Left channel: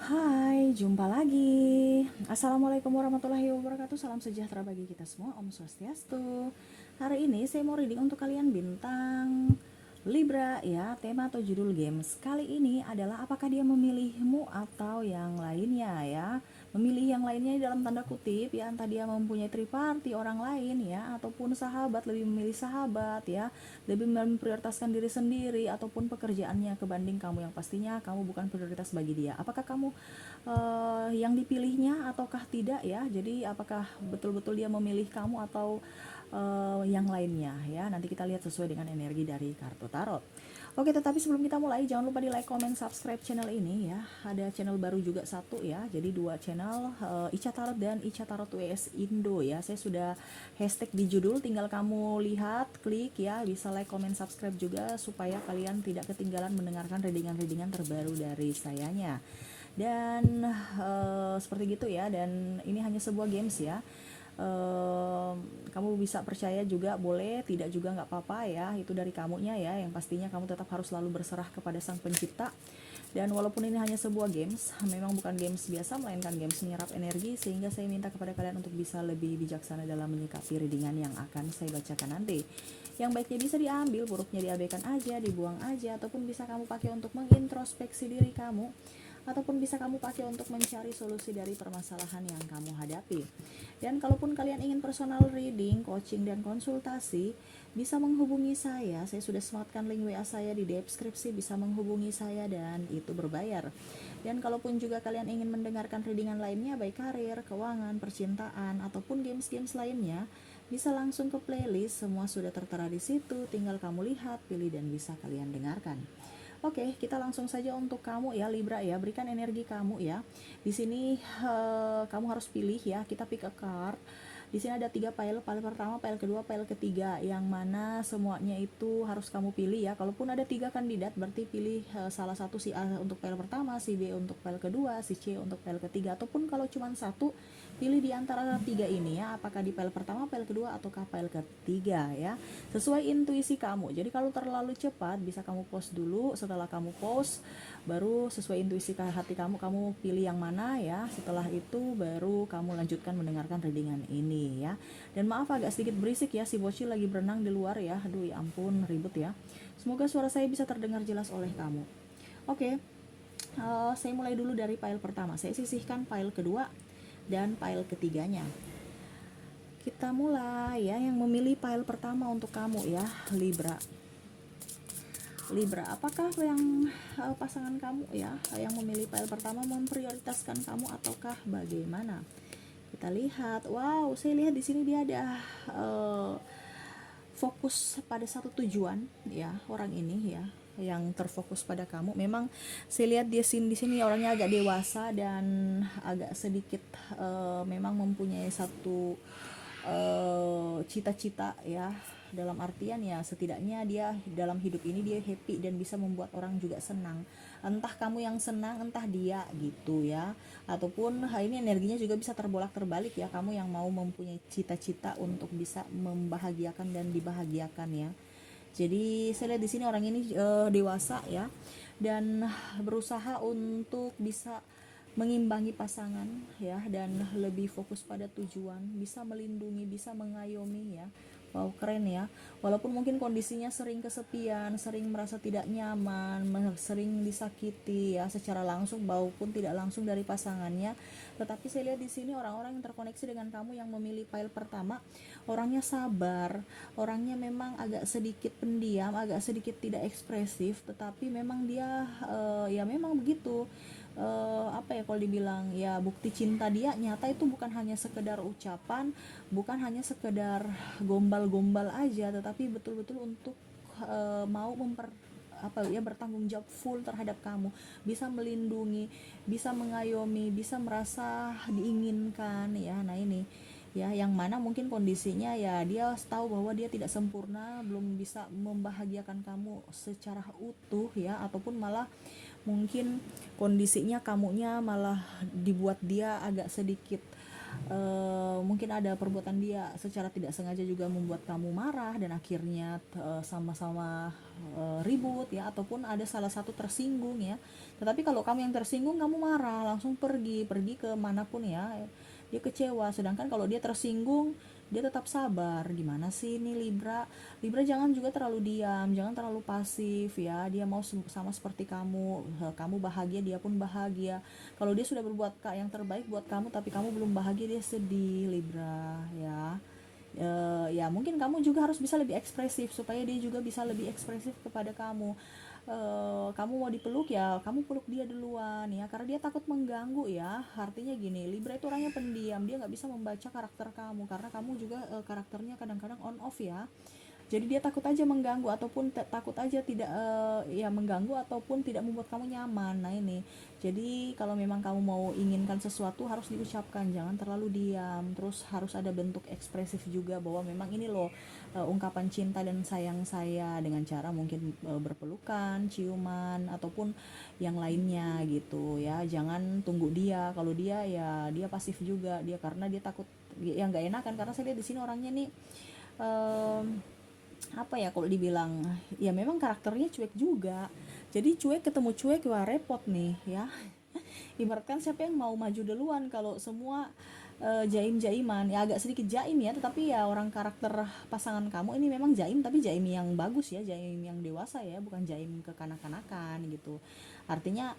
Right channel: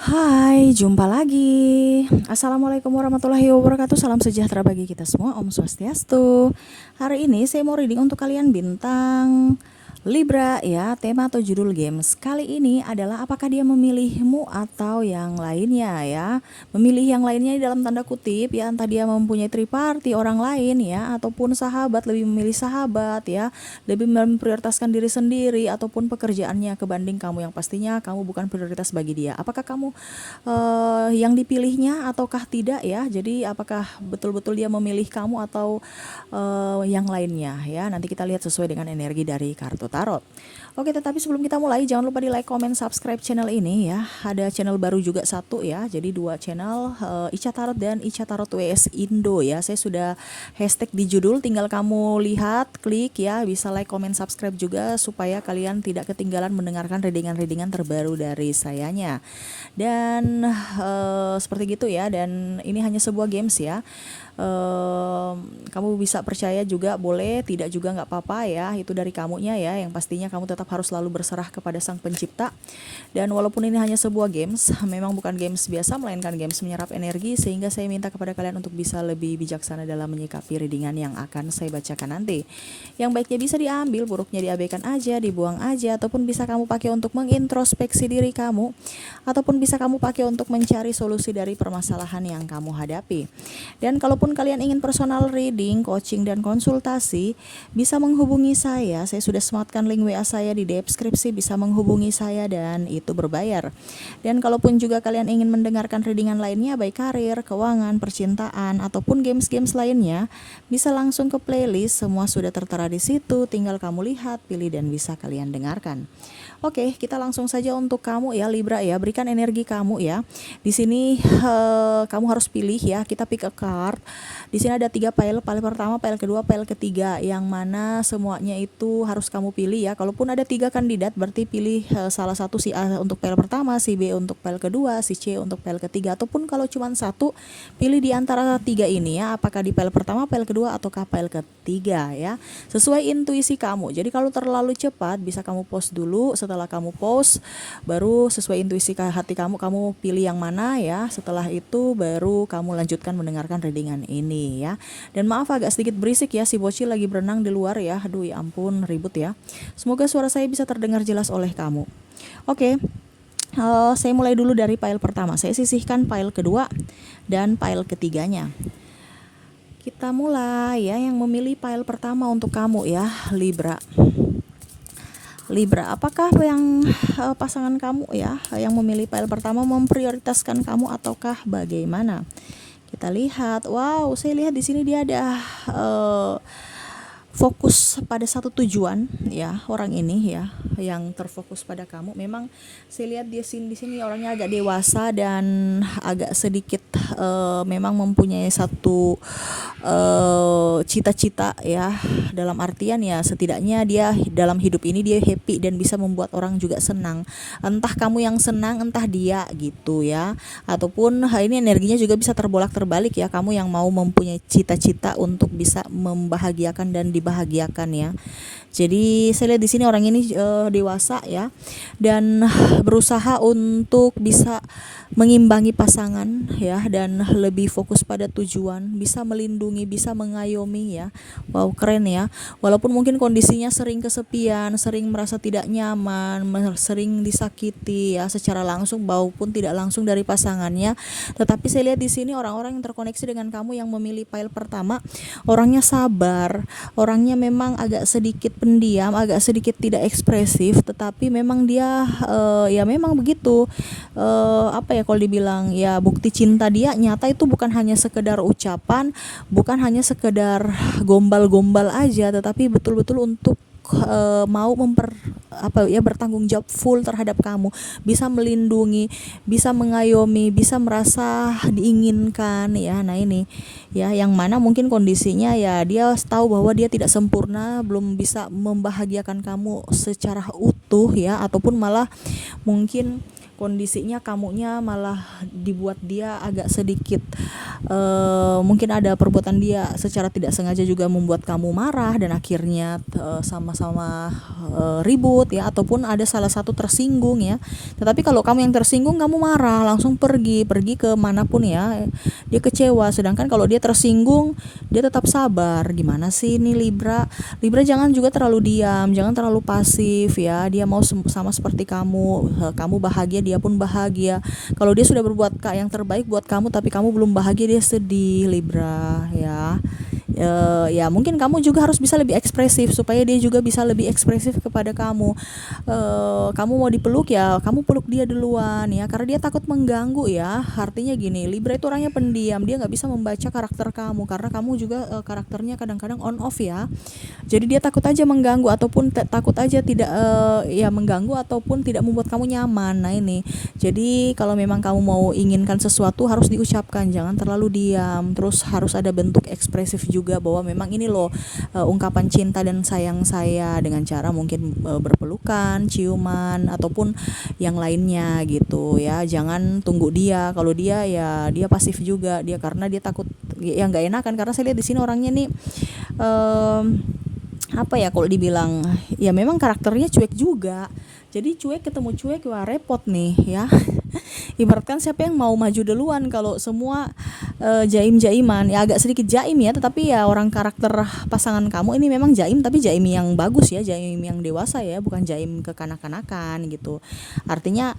Hai, jumpa lagi. Assalamualaikum warahmatullahi wabarakatuh. Salam sejahtera bagi kita semua. Om Swastiastu. Hari ini saya mau reading untuk kalian bintang Libra ya. Tema atau judul games kali ini adalah apakah dia memilihmu atau yang lainnya ya. Memilih yang lainnya dalam tanda kutip ya, entah dia mempunyai triparty orang lain ya, ataupun sahabat, lebih memilih sahabat ya, lebih memprioritaskan diri sendiri ataupun pekerjaannya kebanding kamu yang pastinya kamu bukan prioritas bagi dia. Apakah kamu yang dipilihnya ataukah tidak ya? Jadi apakah betul-betul dia memilih kamu atau yang lainnya ya? Nanti kita lihat sesuai dengan energi dari kartu tarot. Oke, tetapi sebelum kita mulai jangan lupa di like, comment, subscribe channel ini ya. Ada channel baru juga satu ya. Jadi dua channel, Ica Tarot dan Ica Tarot WS Indo ya. Saya sudah hashtag di judul, tinggal kamu lihat, klik ya. Bisa like, comment, subscribe juga supaya kalian tidak ketinggalan mendengarkan readingan-readingan terbaru dari sayanya. Dan seperti gitu ya. Dan ini hanya sebuah games ya. Kamu bisa percaya juga boleh, tidak juga nggak apa-apa ya, itu dari kamunya ya. Yang pastinya kamu tetap harus selalu berserah kepada sang pencipta. Dan walaupun ini hanya sebuah games, memang bukan games biasa melainkan games menyerap energi, sehingga saya minta kepada kalian untuk bisa lebih bijaksana dalam menyikapi readingan yang akan saya bacakan nanti. Yang baiknya bisa diambil, buruknya diabaikan aja, dibuang aja, ataupun bisa kamu pakai untuk mengintrospeksi diri kamu, ataupun bisa kamu pakai untuk mencari solusi dari permasalahan yang kamu hadapi. Dan kalaupun kalian ingin personal reading, coaching, dan konsultasi, bisa menghubungi saya. Saya sudah sematkan link WA saya di deskripsi, bisa menghubungi saya dan itu berbayar. Dan kalaupun juga kalian ingin mendengarkan readingan lainnya, baik karir, keuangan, percintaan, ataupun games-games lainnya, bisa langsung ke playlist. Semua sudah tertera di situ, tinggal kamu lihat, pilih, dan bisa kalian dengarkan. Oke, kita langsung saja untuk kamu ya Libra ya. Berikan energi kamu ya. Di sini kamu harus pilih ya. Kita pick a card. Di sini ada 3 pile. Pile pertama, pile kedua, pile ketiga. Yang mana semuanya itu harus kamu pilih ya. Kalaupun ada 3 kandidat, berarti pilih salah satu, si A untuk pile pertama, si B untuk pile kedua, si C untuk pile ketiga. Ataupun kalau cuma satu, pilih di antara 3 ini ya. Apakah di pile pertama, pile kedua, ataukah pile ketiga ya. Sesuai intuisi kamu. Jadi kalau terlalu cepat, bisa kamu pause dulu. Setelah kamu pause, baru sesuai intuisi hati kamu pilih yang mana ya. Setelah itu baru kamu lanjutkan mendengarkan readingan ini ya. Dan maaf agak sedikit berisik ya, si bocil lagi berenang di luar ya. Aduh ya ampun, ribut ya. Semoga suara saya bisa terdengar jelas oleh kamu. Oke. Saya mulai dulu dari pile pertama. Saya sisihkan pile kedua dan pile ketiganya. Kita mulai ya, yang memilih pile pertama untuk kamu ya, Libra. Libra, apakah yang pasangan kamu ya yang memilih pile pertama memprioritaskan kamu ataukah bagaimana? Kita lihat. Wow, saya lihat di sini dia ada fokus pada satu tujuan ya, orang ini ya yang terfokus pada kamu. Memang saya lihat dia di sini orangnya agak dewasa dan agak sedikit memang mempunyai satu cita-cita ya, dalam artian ya setidaknya dia dalam hidup ini dia happy dan bisa membuat orang juga senang. Entah kamu yang senang, entah dia gitu ya. Ataupun ini energinya juga bisa terbolak-terbalik ya, kamu yang mau mempunyai cita-cita untuk bisa membahagiakan dan dibahagiakan ya. Jadi saya lihat di sini orang ini dewasa ya, dan berusaha untuk bisa mengimbangi pasangan ya, dan lebih fokus pada tujuan, bisa melindungi, bisa mengayomi ya. Wow, keren ya. Walaupun mungkin kondisinya sering kesepian, sering merasa tidak nyaman, sering disakiti ya secara langsung maupun tidak langsung dari pasangannya. Tetapi saya lihat di sini orang-orang yang terkoneksi dengan kamu yang memilih pile pertama, orangnya sabar, orangnya memang agak sedikit pendiam, agak sedikit tidak ekspresif, tetapi memang dia ya memang begitu. Apa ya, kalau dibilang ya bukti cinta dia nyata itu bukan hanya sekedar ucapan, bukan hanya sekedar gombal-gombal aja, tetapi betul-betul untuk mau bertanggung jawab full terhadap kamu, bisa melindungi, bisa mengayomi, bisa merasa diinginkan ya. Nah ini ya, yang mana mungkin kondisinya ya dia tahu bahwa dia tidak sempurna, belum bisa membahagiakan kamu secara utuh ya, ataupun malah mungkin kondisinya kamunya malah dibuat dia agak sedikit mungkin ada perbuatan dia secara tidak sengaja juga membuat kamu marah dan akhirnya sama-sama ribut ya, ataupun ada salah satu tersinggung ya. Tetapi kalau kamu yang tersinggung, kamu marah langsung pergi ke manapun ya, dia kecewa. Sedangkan kalau dia tersinggung, dia tetap sabar. Gimana sih ini Libra? Libra jangan juga terlalu diam, jangan terlalu pasif ya. Dia mau sama seperti kamu, kamu bahagia, dia pun bahagia. Kalau dia sudah berbuat yang terbaik buat kamu tapi kamu belum bahagia, dia sedih Libra ya. Ya mungkin kamu juga harus bisa lebih ekspresif supaya dia juga bisa lebih ekspresif kepada kamu. Kamu mau dipeluk ya, kamu peluk dia duluan ya, karena dia takut mengganggu ya. Artinya gini, Libra itu orangnya pendiam, dia nggak bisa membaca karakter kamu karena kamu juga karakternya kadang-kadang on off ya. Jadi dia takut aja mengganggu ataupun takut aja tidak ya mengganggu ataupun tidak membuat kamu nyaman. Nah ini, jadi kalau memang kamu mau inginkan sesuatu harus diucapkan, jangan terlalu diam. Terus harus ada bentuk ekspresif juga bahwa memang ini loh ungkapan cinta dan sayang saya, dengan cara mungkin berpelukan, ciuman ataupun yang lainnya gitu ya. Jangan tunggu dia, kalau dia ya dia pasif juga dia, karena dia takut ya nggak enakan. Karena saya lihat di sini orangnya nih apa ya, kalau dibilang ya memang karakternya cuek juga. Jadi cuek ketemu cuek, wah repot nih ya. Ibaratkan siapa yang mau maju duluan kalau semua jaim-jaiman ya, agak sedikit jaim ya, tetapi ya orang karakter pasangan kamu ini memang jaim, tapi jaim yang bagus ya, jaim yang dewasa ya, bukan jaim kekanak-kanakan gitu. Artinya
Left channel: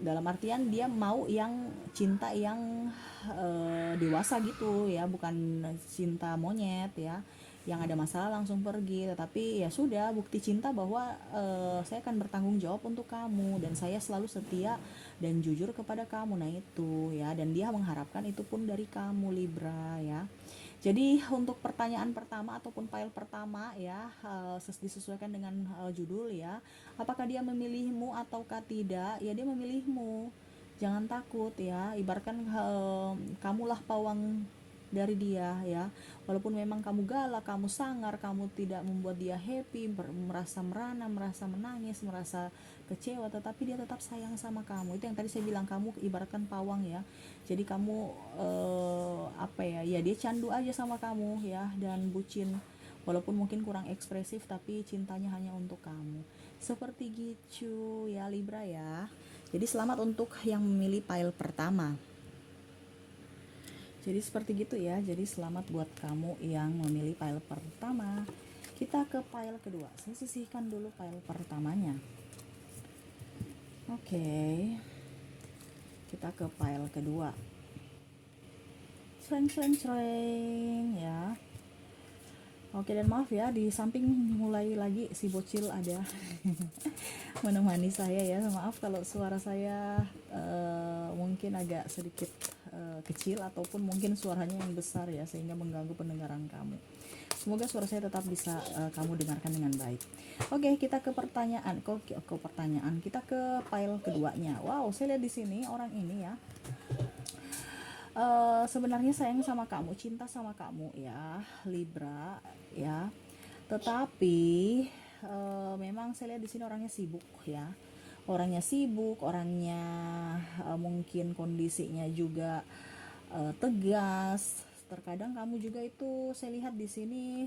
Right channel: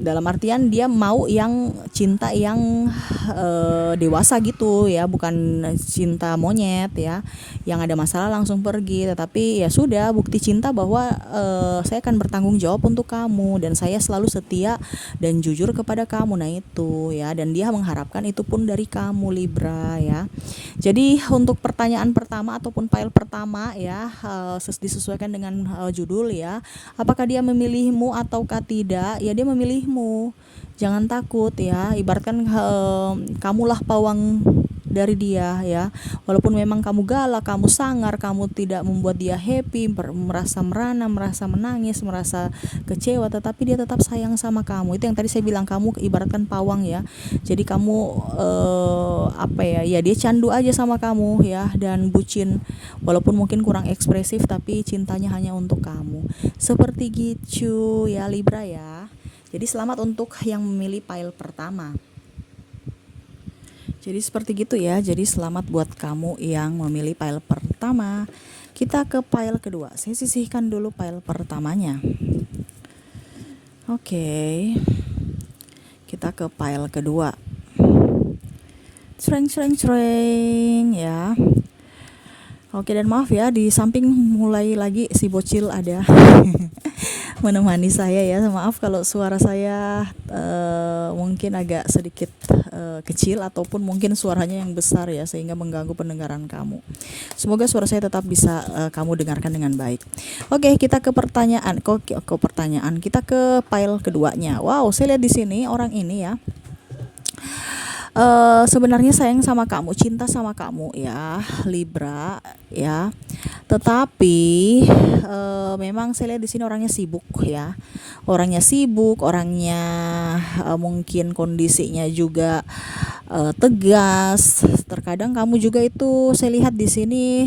dalam artian dia mau yang cinta yang dewasa gitu ya, bukan cinta monyet ya, yang ada masalah langsung pergi. Tetapi ya sudah, bukti cinta bahwa saya akan bertanggung jawab untuk kamu dan saya selalu setia dan jujur kepada kamu. Nah itu ya, dan dia mengharapkan itu pun dari kamu Libra ya. Jadi untuk pertanyaan pertama ataupun file pertama ya, disesuaikan dengan judul ya, apakah dia memilihmu ataukah tidak? Ya dia memilihmu. Jangan takut ya, ibaratkan kamulah pawang dari dia ya. Walaupun memang kamu galak, kamu sangar, kamu tidak membuat dia happy, merasa merana, merasa menangis, merasa kecewa, tetapi dia tetap sayang sama kamu. Itu yang tadi saya bilang, kamu ibaratkan pawang ya. Jadi kamu apa ya, ya dia candu aja sama kamu ya, dan bucin. Walaupun mungkin kurang ekspresif, tapi cintanya hanya untuk kamu. Seperti gitu ya Libra ya. Jadi selamat untuk yang memilih pile pertama. Jadi seperti gitu ya. Jadi selamat buat kamu yang memilih pile pertama. Kita ke pile kedua. Saya sisihkan dulu pile pertamanya. Oke. Kita ke pile kedua. Cereng ya. Oke, dan maaf ya, di samping mulai lagi si bocil ada menemani saya ya. Maaf kalau suara saya mungkin agak sedikit kecil ataupun mungkin suaranya yang besar ya, sehingga mengganggu pendengaran kamu. Semoga suara saya tetap bisa kamu dengarkan dengan baik. Oke, kita ke pertanyaan. Kita ke file keduanya. Wow, saya lihat di sini orang ini ya. Sebenarnya sayang sama kamu, cinta sama kamu ya Libra ya. Tetapi memang saya lihat di sini orangnya sibuk ya. Orangnya mungkin kondisinya juga tegas. Terkadang kamu juga itu saya lihat di sini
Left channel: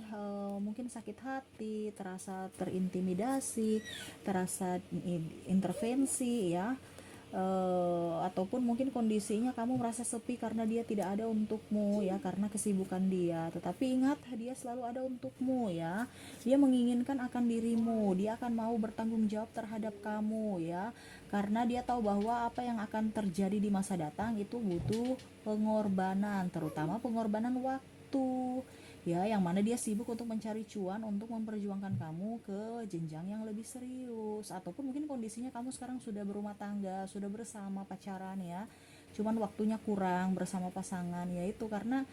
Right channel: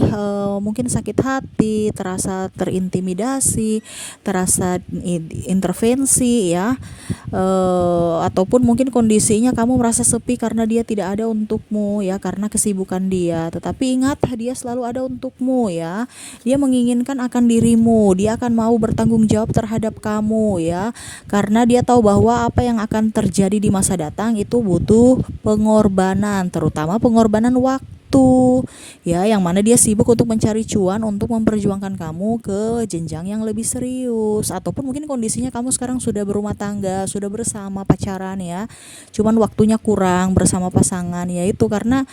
mungkin sakit hati, terasa terintimidasi, terasa intervensi ya. Ataupun mungkin kondisinya kamu merasa sepi karena dia tidak ada untukmu ya, karena kesibukan dia. Tetapi ingat, dia selalu ada untukmu ya. Dia menginginkan akan dirimu, dia akan mau bertanggung jawab terhadap kamu ya, karena dia tahu bahwa apa yang akan terjadi di masa datang itu butuh pengorbanan, terutama pengorbanan waktu ya, yang mana dia sibuk untuk mencari cuan untuk memperjuangkan kamu ke jenjang yang lebih serius. Ataupun mungkin kondisinya kamu sekarang sudah berumah tangga, sudah bersama pacaran ya, cuman waktunya kurang bersama pasangan, yaitu karena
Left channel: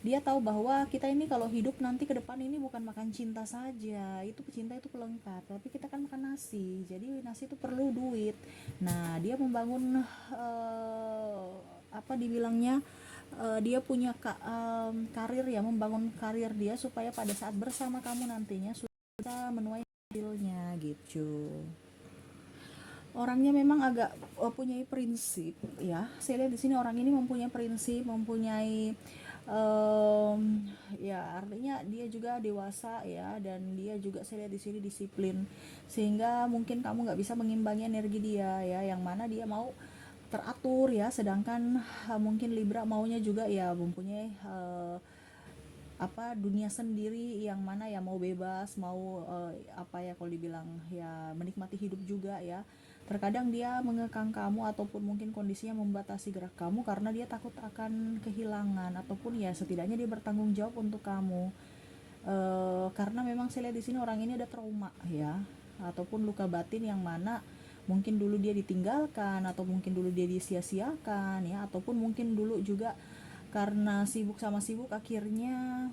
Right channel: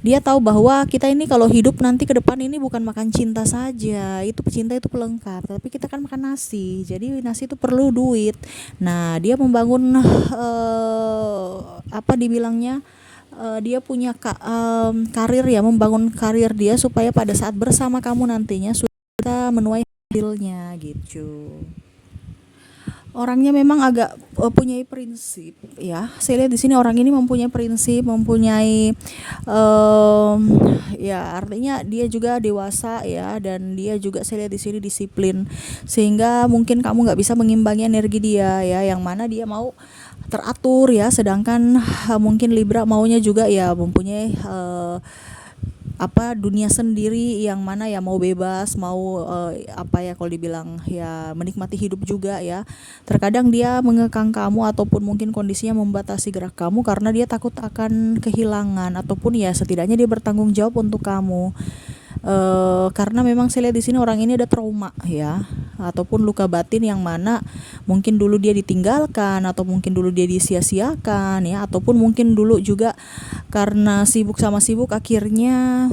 dia tahu bahwa kita ini kalau hidup nanti ke depan ini bukan makan cinta saja, itu cinta itu pelengkap, tapi kita kan makan nasi, jadi nasi itu perlu duit. Nah dia membangun apa dibilangnya, dia punya karir ya, membangun karir dia supaya pada saat bersama kamu nantinya sudah menuai hasilnya gitu. Orangnya memang agak punya prinsip ya. Saya lihat di sini orang ini mempunyai prinsip, mempunyai em, ya artinya dia juga dewasa ya, dan dia juga saya lihat di sini disiplin, sehingga mungkin kamu nggak bisa mengimbangi energi dia ya, yang mana dia mau teratur ya, sedangkan mungkin Libra maunya juga ya mempunyai apa dunia sendiri, yang mana ya mau bebas, mau apa ya kalau dibilang ya menikmati hidup juga ya. Terkadang dia mengekang kamu ataupun mungkin kondisinya membatasi gerak kamu karena dia takut akan kehilangan, ataupun ya setidaknya dia bertanggung jawab untuk kamu. Karena memang saya lihat di sini orang ini ada trauma ya, ataupun luka batin yang mana mungkin dulu dia ditinggalkan, atau mungkin dulu dia disia-siakan ya, ataupun mungkin dulu juga karena sibuk sama sibuk akhirnya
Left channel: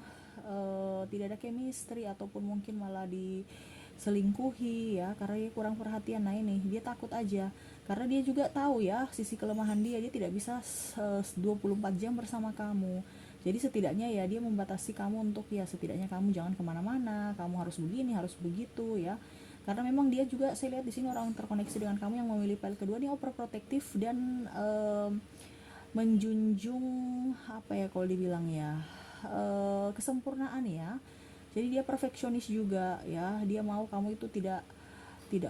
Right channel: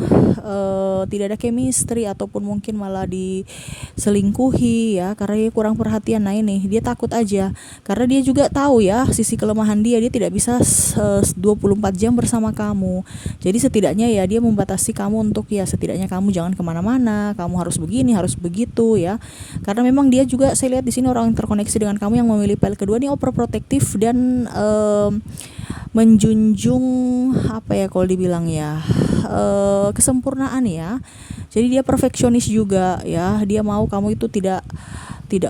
tidak ada chemistry, ataupun mungkin malah diselingkuhi ya karena dia kurang perhatian. Nah ini dia takut aja karena dia juga tahu ya sisi kelemahan dia, dia tidak bisa 24 jam bersama kamu. Jadi setidaknya ya dia membatasi kamu untuk ya setidaknya kamu jangan kemana-mana, kamu harus begini, harus begitu ya. Karena memang dia juga saya lihat di sini orang yang terkoneksi dengan kamu yang memilih pile kedua ini overprotective dan menjunjung apa ya kalau dibilang ya kesempurnaan ya. Jadi dia perfeksionis juga ya, dia mau kamu itu tidak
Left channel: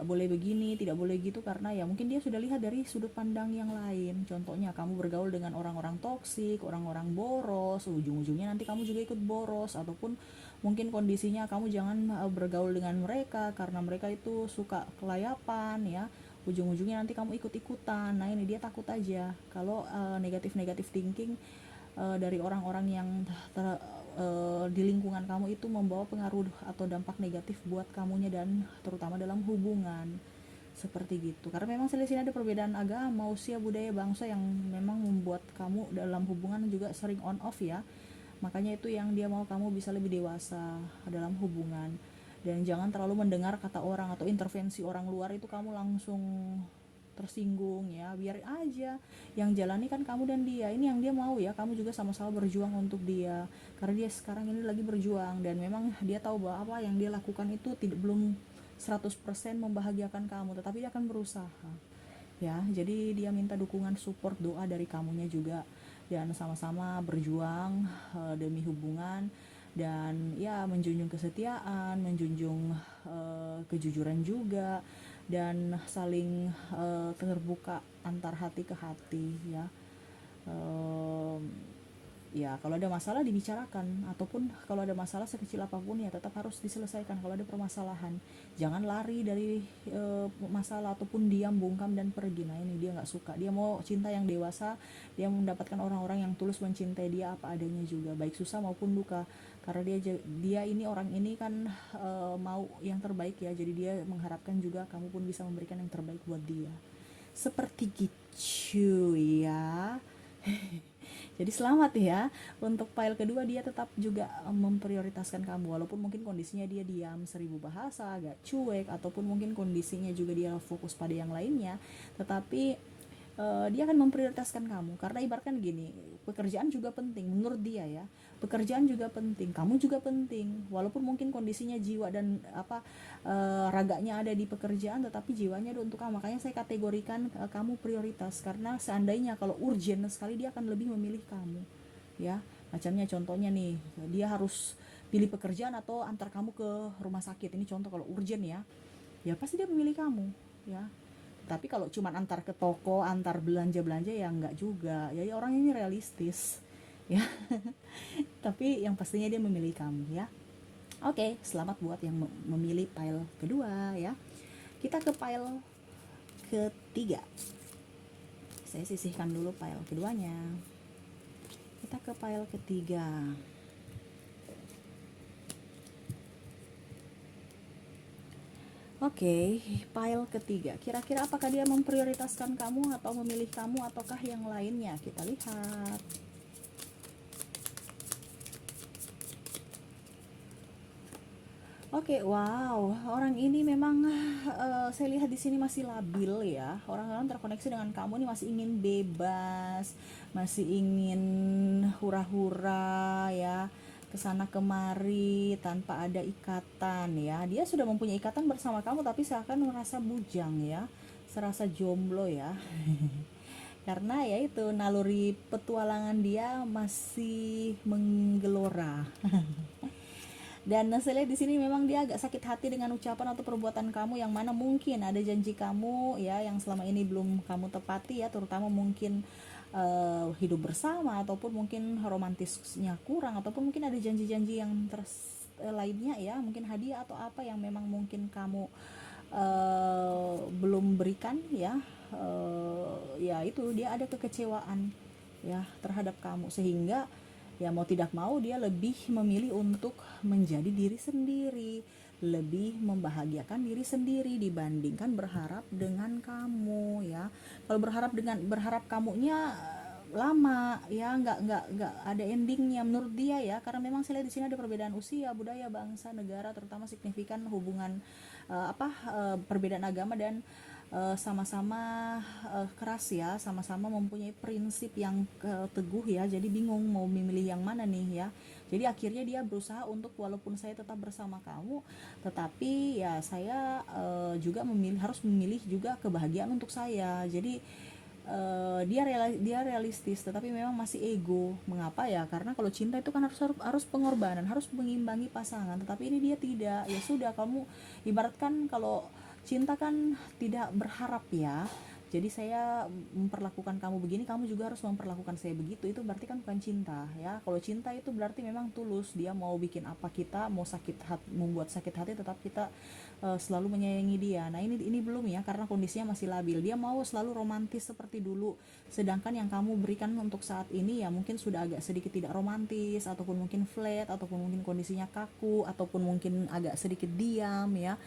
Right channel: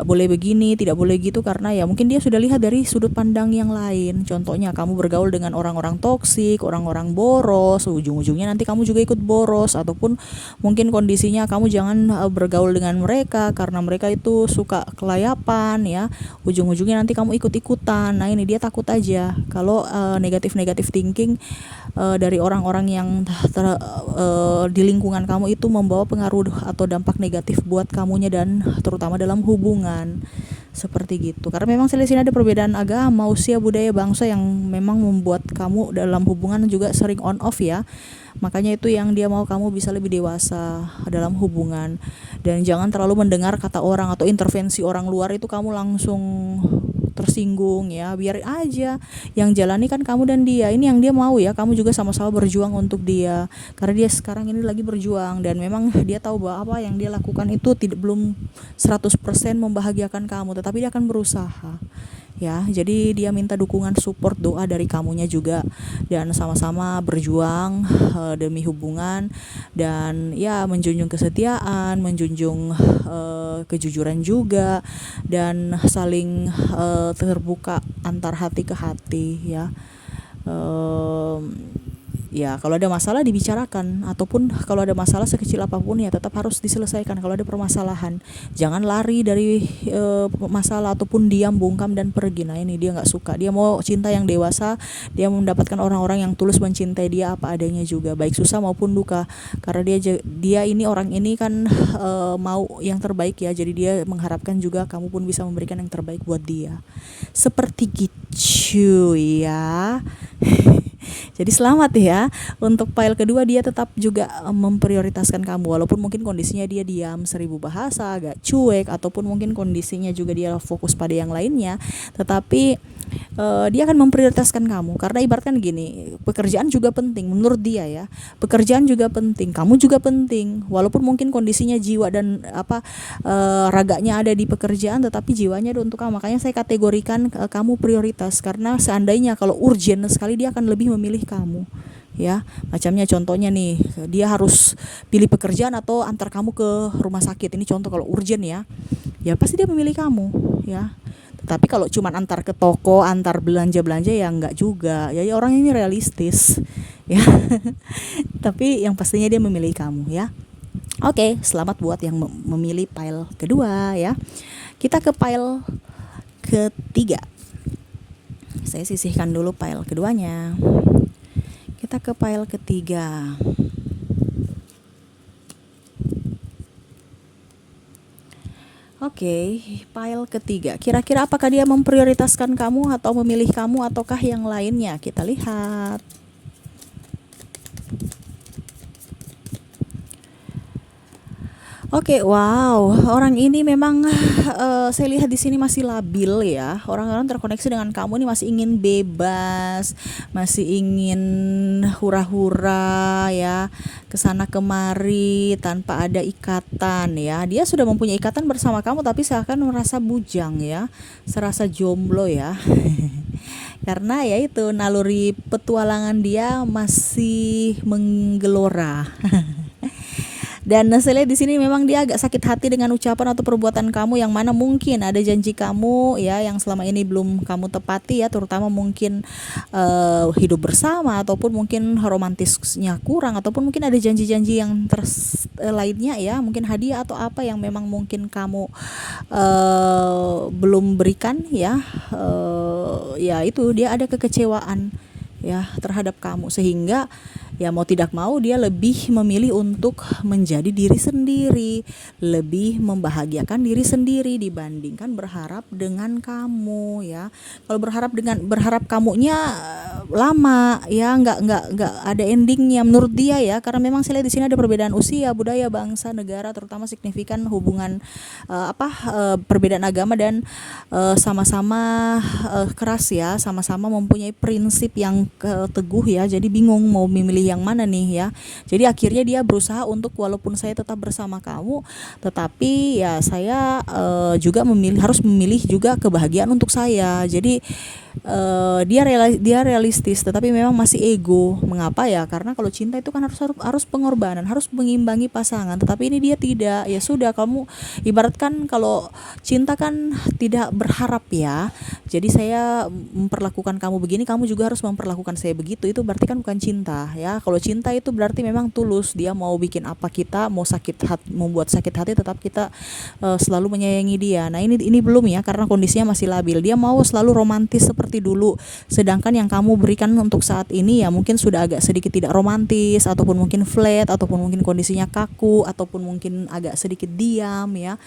boleh begini, tidak boleh gitu, karena ya mungkin dia sudah lihat dari sudut pandang yang lain. Contohnya kamu bergaul dengan orang-orang toksik, orang-orang boros, ujung-ujungnya nanti kamu juga ikut boros, ataupun mungkin kondisinya kamu jangan bergaul dengan mereka karena mereka itu suka kelayapan ya. Ujung-ujungnya nanti kamu ikut-ikutan. Nah, ini dia takut aja kalau negatif-negatif thinking dari orang-orang yang di lingkungan kamu itu membawa pengaruh atau dampak negatif buat kamunya, dan terutama dalam hubungan seperti gitu. Karena memang di sini ada perbedaan agama, usia, budaya, bangsa yang memang membuat kamu dalam hubungan juga sering on off ya. Makanya itu yang dia mau kamu bisa lebih dewasa dalam hubungan, dan jangan terlalu mendengar kata orang atau intervensi orang luar itu kamu langsung tersinggung ya. Biarin aja, yang jalani kan kamu dan dia. Ini yang dia mau ya, kamu juga sama-sama berjuang untuk dia, karena dia sekarang ini lagi berjuang, dan memang dia tahu bahwa apa yang dia lakukan itu belum 100% membahagiakan kamu, tetapi dia akan berusaha ya. Jadi dia minta dukungan, support, doa dari kamunya juga, dan sama-sama berjuang demi hubungan, dan ya menjunjung kesetiaan, menjunjung kejujuran juga, dan saling terbuka antar hati ke hati ya. Ya kalau ada masalah dibicarakan, ataupun kalau ada masalah sekecil apapun ya tetap harus diselesaikan. Kalau ada permasalahan jangan lari dari masalah ataupun diam, bungkam, dan pergi. Nah ini dia nggak suka, dia mau cinta yang dewasa, dia mendapatkan orang-orang yang tulus mencintai dia apa adanya juga, baik susah maupun duka. Karena dia ini orang ini kan mau yang terbaik ya, jadi dia mengharapkan juga kamu pun bisa memberikan yang terbaik buat dia, seperti gitu ya. Jadi selamat ya. Untuk file kedua dia tetap juga memprioritaskan kamu, walaupun mungkin kondisinya dia diam 1000 bahasa, agak cuek, ataupun mungkin kondisinya juga dia fokus pada yang lainnya, tetapi dia akan memprioritaskan kamu. Karena ibaratkan gini, pekerjaan juga penting menurut dia ya. Pekerjaan juga penting, kamu juga penting. Walaupun mungkin kondisinya jiwa dan raganya ada di pekerjaan, tetapi jiwanya ada untuk kamu. Makanya saya kategorikan kamu prioritas, karena seandainya kalau urgent sekali dia akan lebih memilih kamu ya. Macamnya contohnya nih, dia harus pilih pekerjaan atau antar kamu ke rumah sakit, ini contoh kalau urgent ya, ya pasti dia memilih kamu ya. Tapi kalau cuman antar ke toko, antar belanja-belanja ya enggak juga ya, orang ini realistis ya. Tapi yang pastinya dia memilih kamu ya. Oke, selamat buat yang memilih pile kedua ya. Kita ke pile ketiga. Saya sisihkan dulu pile keduanya. Kita ke pile ketiga. Oke, pile ketiga. Kira-kira apakah dia memprioritaskan kamu atau memilih kamu ataukah yang lainnya? Kita lihat. Oke, wow, orang ini memang saya lihat di sini masih labil ya. Orang-orang terkoneksi dengan kamu nih masih ingin bebas, masih ingin hura-hura ya, kesana kemari tanpa ada ikatan ya. Dia sudah mempunyai ikatan bersama kamu tapi seakan merasa bujang ya, serasa jomblo ya. Karena ya itu naluri petualangan dia masih menggelora. Dan saya lihat di sini memang dia agak sakit hati dengan ucapan atau perbuatan kamu yang mana mungkin ada janji kamu ya yang selama ini belum kamu tepati ya, terutama mungkin hidup bersama ataupun mungkin romantisnya kurang ataupun mungkin ada janji-janji yang lainnya ya, mungkin hadiah atau apa yang memang mungkin kamu belum berikan ya. Ya itu dia ada kekecewaan ya terhadap kamu sehingga ya mau tidak mau dia lebih memilih untuk menjadi diri sendiri, lebih membahagiakan diri sendiri dibandingkan berharap dengan kamu ya. Kalau berharap kamunya lama ya, nggak ada endingnya menurut dia ya, karena memang saya lihat di sini ada perbedaan usia, budaya, bangsa, negara, terutama signifikan hubungan perbedaan agama dan sama-sama keras ya, sama-sama mempunyai prinsip yang teguh ya. Jadi bingung mau memilih yang mana nih ya. Jadi akhirnya dia berusaha untuk walaupun saya tetap bersama kamu, tetapi ya saya juga harus memilih juga kebahagiaan untuk saya. Jadi dia realistis tetapi memang masih ego. Mengapa ya? Karena kalau cinta itu kan harus pengorbanan, harus mengimbangi pasangan. Tetapi ini dia tidak. Ya sudah, kamu ibaratkan kalau cinta kan tidak berharap ya. Jadi saya memperlakukan kamu begini, kamu juga harus memperlakukan saya begitu. Itu berarti kan bukan cinta ya. Kalau cinta itu berarti memang tulus. Dia mau bikin apa kita, mau sakit hati, membuat sakit hati, tetap kita selalu menyayangi dia. Nah, ini belum ya, karena kondisinya masih labil. Dia mau selalu romantis seperti dulu. Sedangkan yang kamu berikan untuk saat ini ya mungkin sudah agak sedikit tidak romantis ataupun mungkin flat ataupun mungkin kondisinya kaku ataupun mungkin agak sedikit diam ya.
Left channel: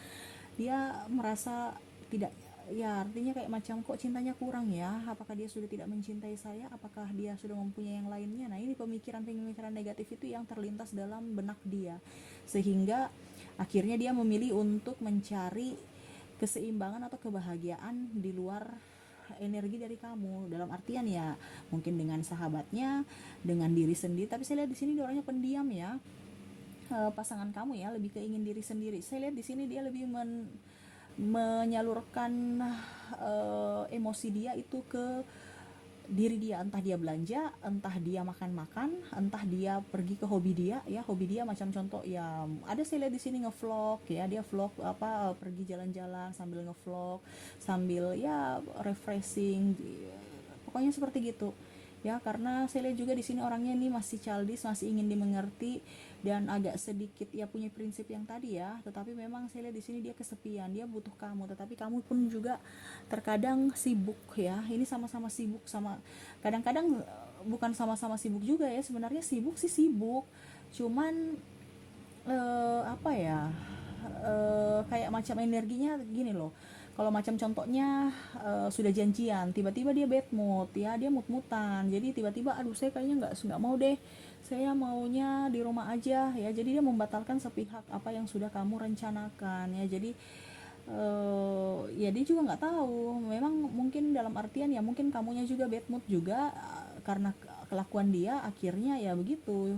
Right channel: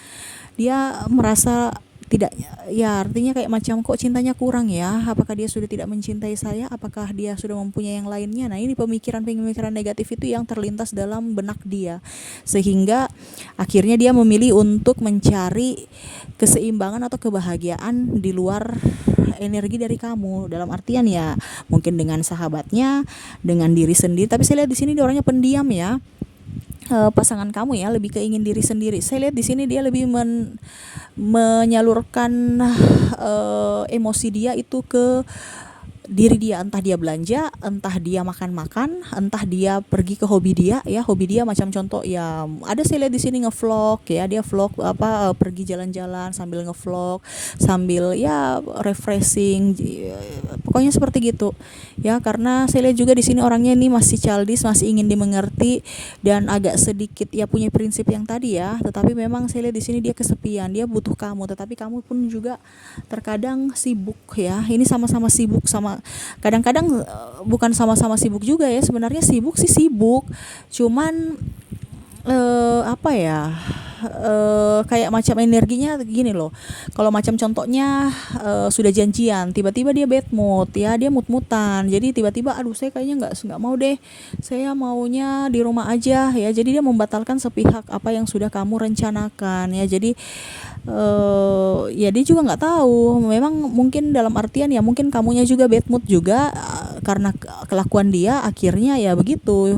Dia merasa tidak ya, artinya kayak macam kok cintanya kurang ya, apakah dia sudah tidak mencintai saya, apakah dia sudah mempunyai yang lainnya. Nah, ini pemikiran negatif itu yang terlintas dalam benak dia sehingga akhirnya dia memilih untuk mencari keseimbangan atau kebahagiaan di luar energi dari kamu, dalam artian ya mungkin dengan sahabatnya, dengan diri sendiri. Tapi saya lihat di sini dia orangnya pendiam ya. Pasangan kamu ya lebih keingin diri sendiri. Saya lihat di sini dia lebih menyalurkan emosi dia itu ke diri dia, entah dia belanja, entah dia makan-makan, entah dia pergi ke hobi dia ya. Hobi dia macam contoh ya, ada saya lihat di sini ngevlog ya, dia vlog pergi jalan-jalan sambil ngevlog, sambil ya refreshing, pokoknya seperti gitu ya. Karena saya lihat juga di sini orangnya ini masih childish, masih ingin dimengerti dan agak sedikit ya punya prinsip yang tadi ya. Tetapi memang saya lihat di sini dia kesepian, dia butuh kamu, tetapi kamu pun juga terkadang sibuk ya. Ini sama-sama sibuk, kadang-kadang bukan sama-sama sibuk juga ya, sebenarnya sibuk sih sibuk, cuman apa ya, kayak macam energinya gini loh. Kalau macam contohnya sudah janjian, tiba-tiba dia bad mood ya, dia mut-mutan. Jadi tiba-tiba aduh saya kayaknya nggak mau deh, saya maunya di rumah aja ya. Jadi dia membatalkan sepihak apa yang sudah kamu rencanakan ya. Jadi ya dia juga nggak tahu, memang mungkin dalam artian ya mungkin kamunya juga bad mood juga karena kelakuan dia, akhirnya ya begitu.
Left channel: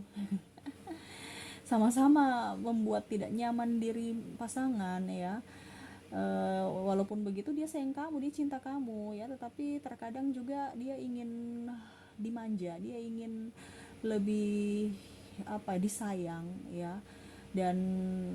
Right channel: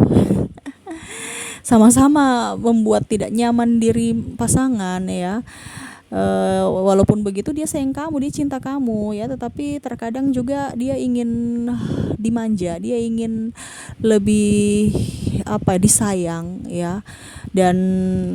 Sama-sama membuat tidak nyaman diri pasangan ya. Walaupun begitu dia sayang kamu, dia cinta kamu ya, tetapi terkadang juga dia ingin dimanja, dia ingin lebih disayang ya. Dan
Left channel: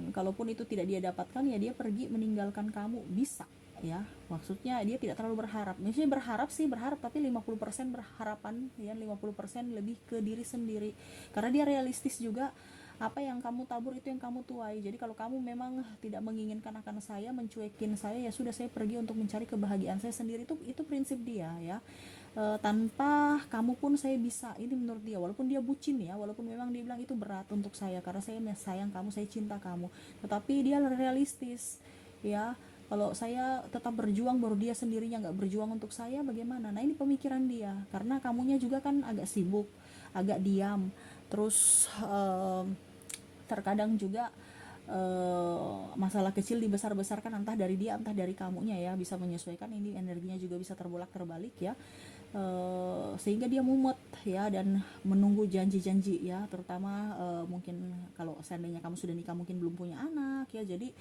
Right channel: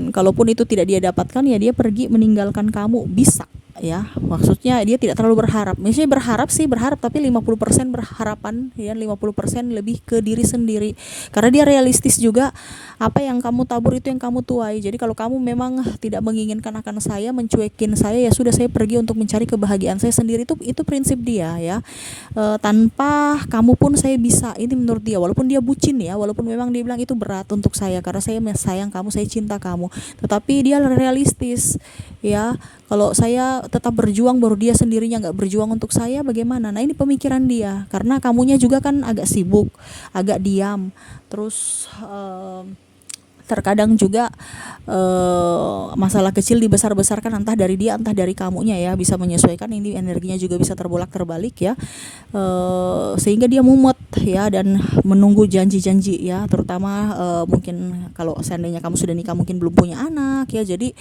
kalaupun itu tidak dia dapatkan ya dia pergi meninggalkan kamu, bisa ya. Maksudnya dia tidak terlalu berharap. Misalnya berharap tapi 50% berharapan ya, 50% lebih ke diri sendiri. Karena dia realistis juga, apa yang kamu tabur itu yang kamu tuai. Jadi kalau kamu memang tidak menginginkan akan saya, mencuekin saya, ya sudah, saya pergi untuk mencari kebahagiaan saya sendiri. Itu prinsip dia ya. Tanpa kamu pun saya bisa. Ini menurut dia, walaupun dia bucin ya, walaupun memang dia bilang itu berat untuk saya karena saya sayang kamu, saya cinta kamu, tetapi dia realistis ya. Kalau saya tetap berjuang baru dia sendirinya nggak berjuang untuk saya, bagaimana? Nah, ini pemikiran dia, karena kamunya juga kan agak sibuk, agak diam, terus Terkadang juga masalah kecil dibesar-besarkan entah dari dia entah dari kamunya ya, bisa menyesuaikan, ini energinya juga bisa terbolak-terbalik ya. Sehingga dia mumet ya dan menunggu janji-janji ya, terutama mungkin kalau seandainya kamu sudah nikah mungkin belum punya anak ya, jadi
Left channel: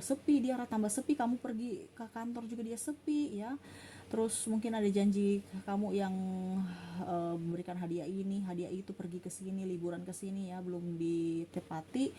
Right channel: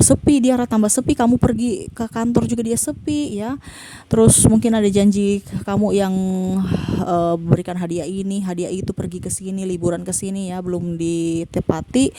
sepi, dia tambah sepi, kamu pergi ke kantor juga dia sepi ya. Terus mungkin ada janji kamu yang berikan hadiah ini hadiah itu, pergi ke sini, liburan ke sini ya, belum ditepati,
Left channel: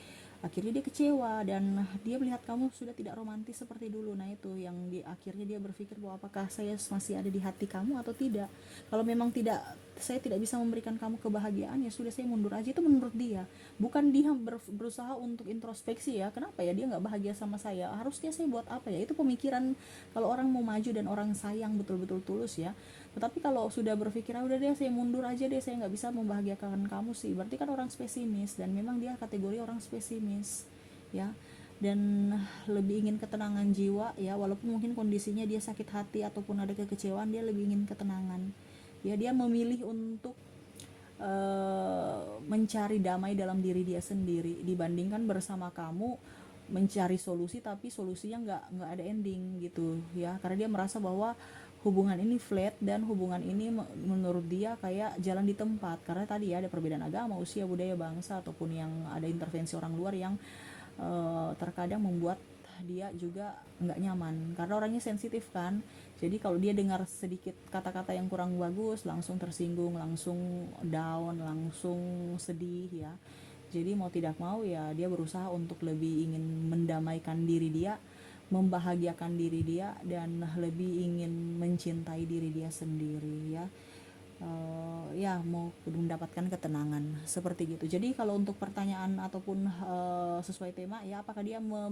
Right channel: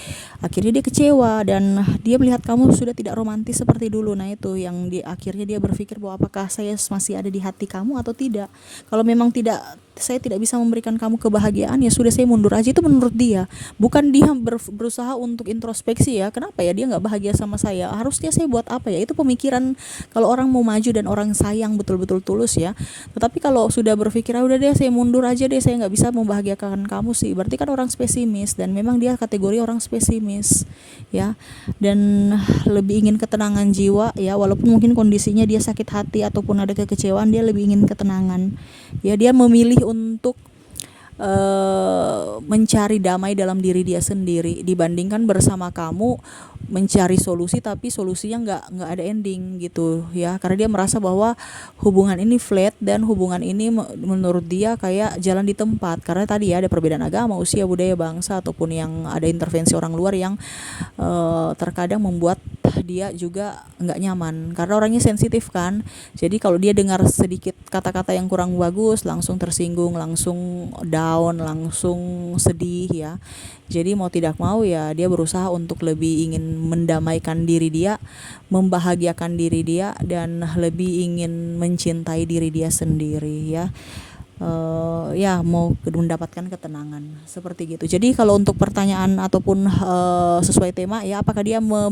akhirnya dia kecewa dan dia melihat kamu sudah tidak romantis seperti dulu. Nah itu yang akhirnya dia berpikir bahwa apakah saya masih ada di hati kamu atau tidak. Kalau memang tidak, saya tidak bisa memberikan kamu kebahagiaan, ya sudah, saya mundur aja. Itu menurut dia, bukan dia berusaha untuk introspeksi ya, kenapa ya dia nggak bahagia sama saya, harusnya saya buat apa ya. Itu pemikiran kalau orang mau maju dan orang sayang betul-betul tulus ya. Tetapi kalau sudah berpikir udah deh saya mundur aja deh, saya nggak bisa membahagiakan kamu sih, berarti kan orang spesimis, dan memang dia kategori orang spesimis ya, dan lebih ingin ketenangan jiwa ya, walaupun mungkin kondisinya dia sakit hati ataupun ada kekecewaan, dia lebih ingin ketenangan ya. Dia memilih untuk mencari damai dalam diri dia sendiri dibandingkan bersama kamu mencari solusi, tapi solusinya nggak ada ending gitu ya, karena dia merasa bahwa hubungan ini flat dan hubungan ini menurut dia kayak jalan di tempat, karena tadi ya ada perbedaan agama, usia, budaya, bangsa, ataupun yang ada intervensi orang luar yang terkadang membuat dia juga nggak nyaman karena orangnya sensitif kan. Jadi kalau dia dengar sedikit kata-kata yang kurang bagus langsung tersinggung, langsung down, langsung sedih ya. Jadi mau tidak mau ya dia berusaha untuk lebih ingin mendamaikan diri dia, membahagiakan diri dia, dan lebih ingin mencintai diri dia sendiri ya. Ya mau mendapatkan ketenangan seperti gitu. Jadi kalau untuk pertanyaan ataupun sesuai tema ya, apakah dia mau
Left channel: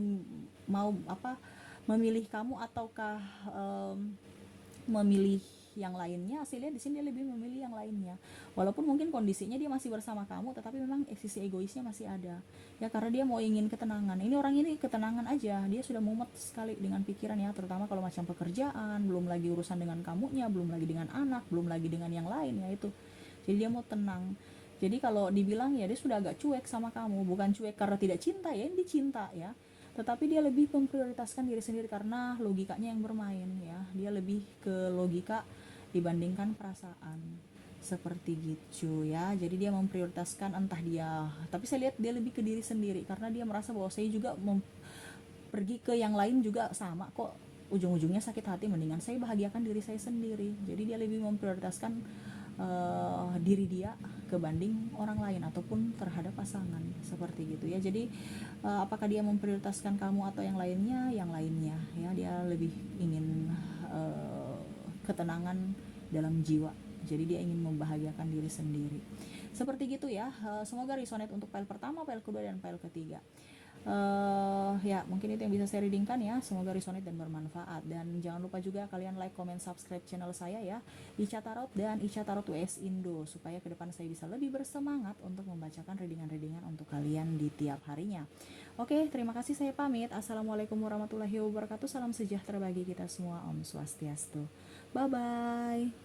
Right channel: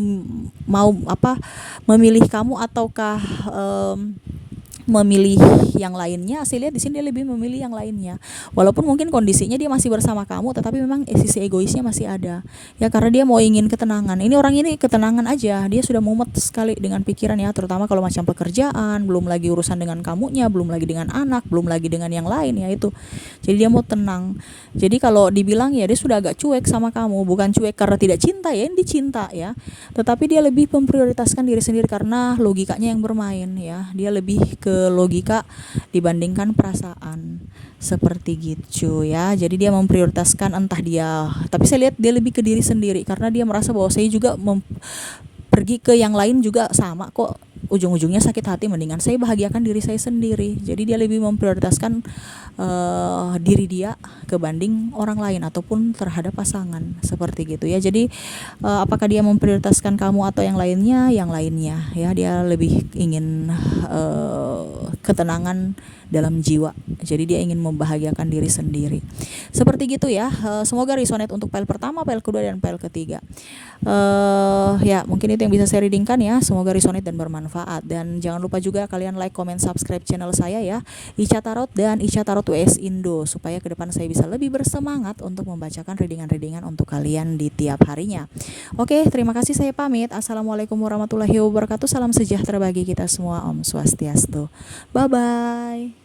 memilih kamu ataukah memilih yang lainnya, saya lihat di sini dia lebih memilih yang lainnya, walaupun mungkin kondisinya dia masih bersama kamu, tetapi memang sisi egoisnya masih ada ya, karena dia mau ingin ketenangan. Ini orang ini ketenangan aja, dia sudah mumet sekali dengan pikiran ya, terutama kalau macam pekerjaan, belum lagi urusan dengan kamunya, belum lagi dengan anak, belum lagi dengan yang lain ya itu. Jadi dia mau tenang. Jadi kalau dibilang ya dia sudah agak cuek sama kamu, bukan cuek karena tidak cinta ya, ini dicinta ya, tetapi dia lebih memprioritaskan diri sendiri karena logikanya yang bermain ya, dia lebih ke logika dibandingkan perasaan seperti gitu ya. Jadi dia memprioritaskan entah dia, tapi saya lihat dia lebih ke diri sendiri karena dia merasa bahwa saya juga pergi ke yang lain juga sama kok, ujung-ujungnya sakit hati, mendingan saya bahagiakan diri saya sendiri. Jadi dia lebih memprioritaskan diri dia kebanding orang lain ataupun terhadap pasangan seperti gitu ya. Jadi apakah dia memprioritaskan kamu atau yang lainnya? Yang lainnya ya, dia lebih ingin ketenangan dalam jiwa. Jadi dia ingin membahagiakan diri sendiri. Seperti gitu ya. Semoga resonate untuk file pertama, file kedua, dan file ketiga. Ya mungkin itu yang bisa saya readingkan ya. Semoga resonate dan bermanfaat. Dan jangan lupa juga kalian like, comment, subscribe channel saya ya, Ica Tarot dan Ica Tarot WS Indo, supaya ke depan saya bisa lebih bersemangat untuk membacakan readingan-readingan untuk kalian di tiap harinya. Oke, terima kasih, saya pamit. Assalamualaikum warahmatullahi wabarakatuh. Salam sejahtera bagi kita semua. Om Swastiastu. Bye bye.